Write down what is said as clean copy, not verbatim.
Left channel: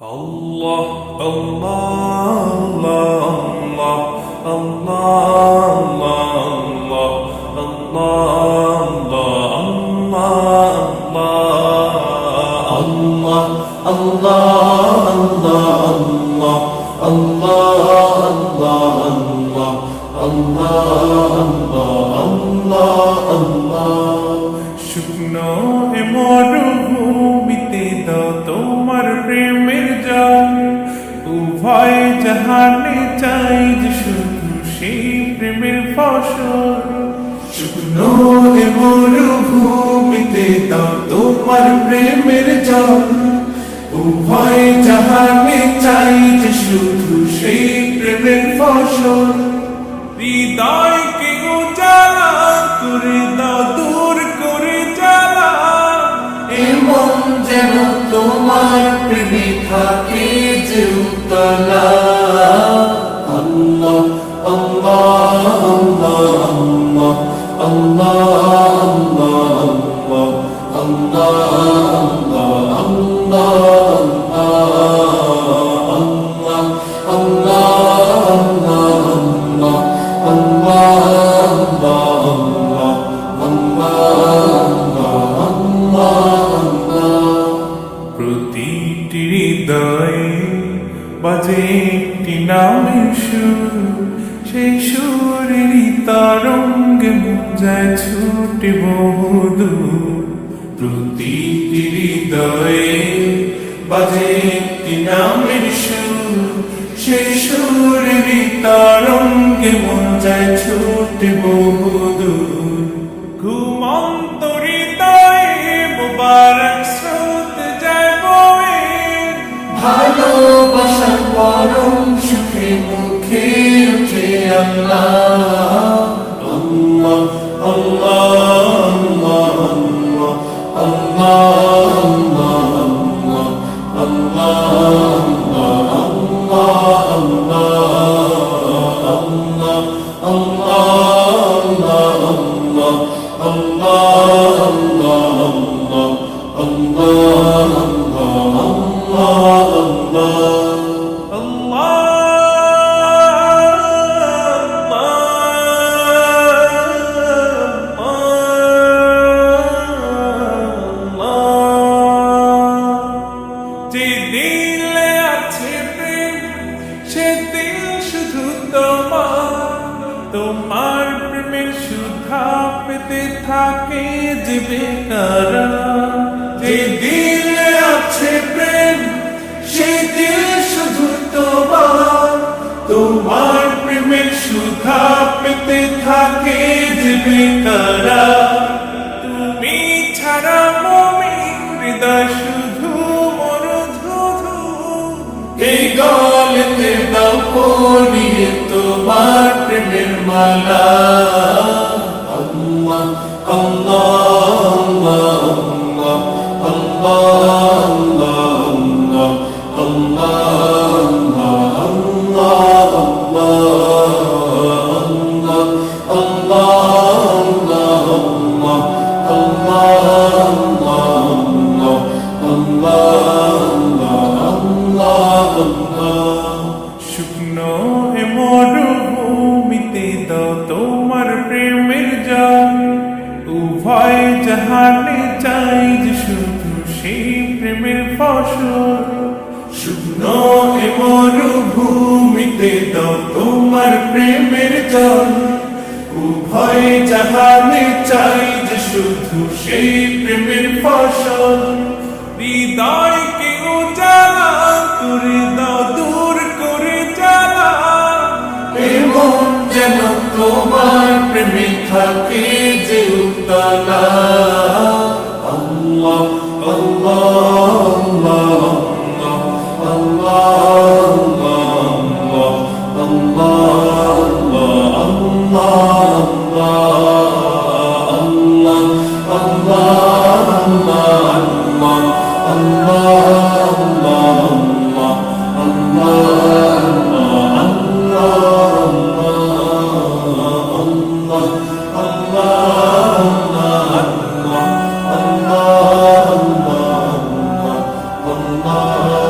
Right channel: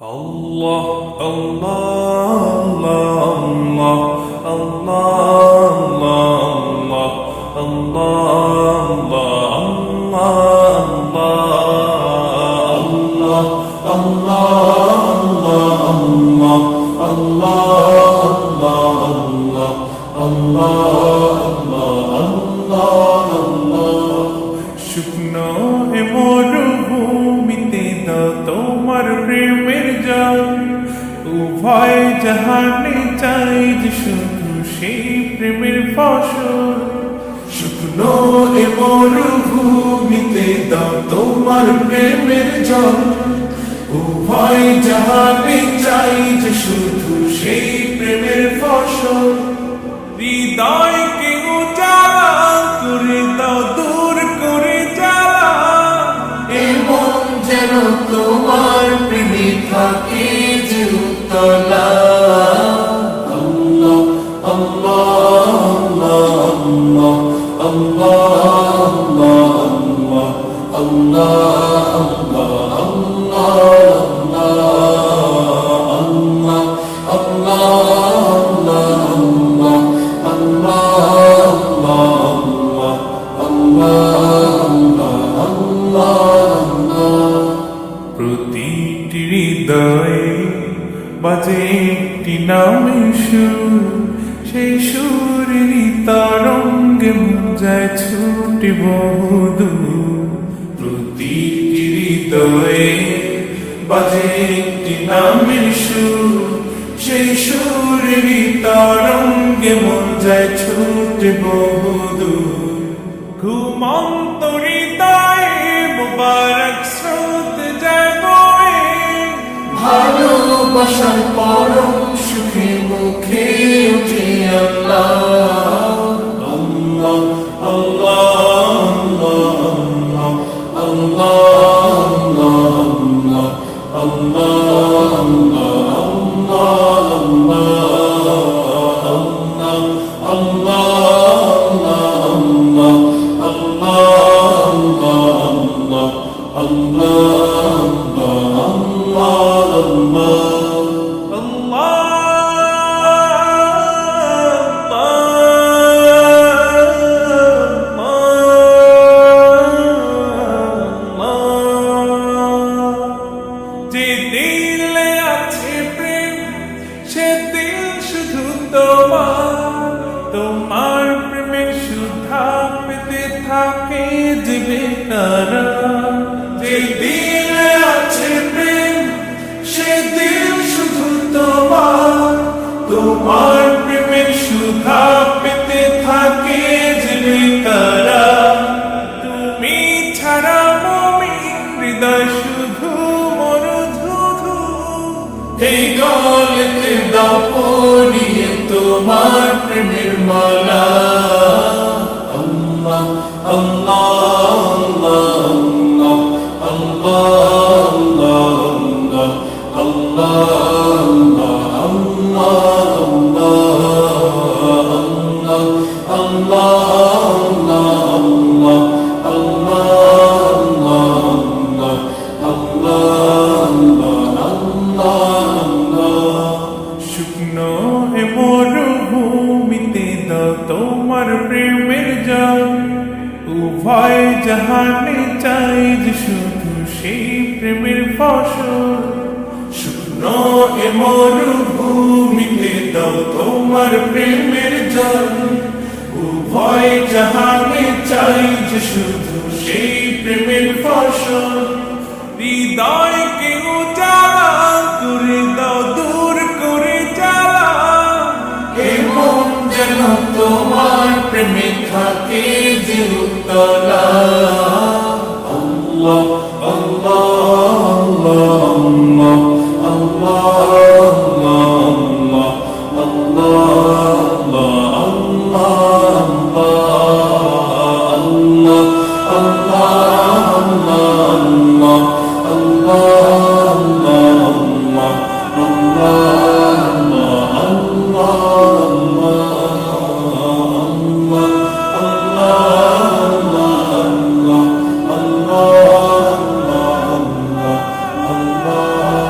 Allah, Allah, Allah, Allah, Allah, Allah, Allah, Allah. শুকনো এ মরুভূমিতে দাও তোমার প্রেমের জল, উভয় জাহানে চাই যে শুধু সেই প্রেমের ফসল। শুকনো এ মরুভূমিতে দাও তোমার প্রেমের জল, উভয় জাহানে চাই যে শুধু সেই প্রেমের ফসল। হৃদয়কে উজালা করে দাও, দূর করে জ্বালা, এমন যেন তোমার প্রেমে থাকে যে উতলা। আল্লাহ আল্লাহ আল্লাহ আল্লাহ আল্লাহ আল্লাহ প্রতিটি হৃদয়ে বাজে একটি নামের সুর, সেই সুরেরই তরঙ্গে মন যায় ছুটে বহুদূর। প্রতিটি হৃদয়ে বাজে একটি নামের সুর, সেই সুরেরই তরঙ্গে মন যায় ছুটে বহুদূর। ঘুমন্ত হৃদয়ে মুবারক স্রোত যায় বয়ে, ভালোবাসার পরম সুখে মুখে উঠে আল্লাহ আল্লাহ আল্লাহ যে দিলে আছে প্রেম, সে দিল শুধু তোমার, তোমার প্রেমের সুধা পেতে থাকে যে বেকারার। যে দিলে আছে প্রেম, সে দিল শুধু তোমার, তোমার প্রেমের সুধা পেতে থাকে যে বেকারার। তুমি ছাড়া মুমিন হৃদয় শুধু মরুধুধু, এই গলেতে দাও পরিয়ে তোমার প্রেমের মালা। আল্লাহ আল্লাহ শুকনো এ মরুভূমিতে দাও তোমার প্রেমের জল, উভয় জাহানে চাই যে শুধু সেই প্রেমের ফসল। শুকনো এ মরুভূমিতে দাও তোমার প্রেমের জল, উভয় জাহানে চাই যে শুধু সেই প্রেমের ফসল। হৃদয়কে উজালা করে দাও, দূর করে জ্বালা, এমন যেন তোমার প্রেমে থাকে যে উতলা। আল্লাহ আল্লাহ Allah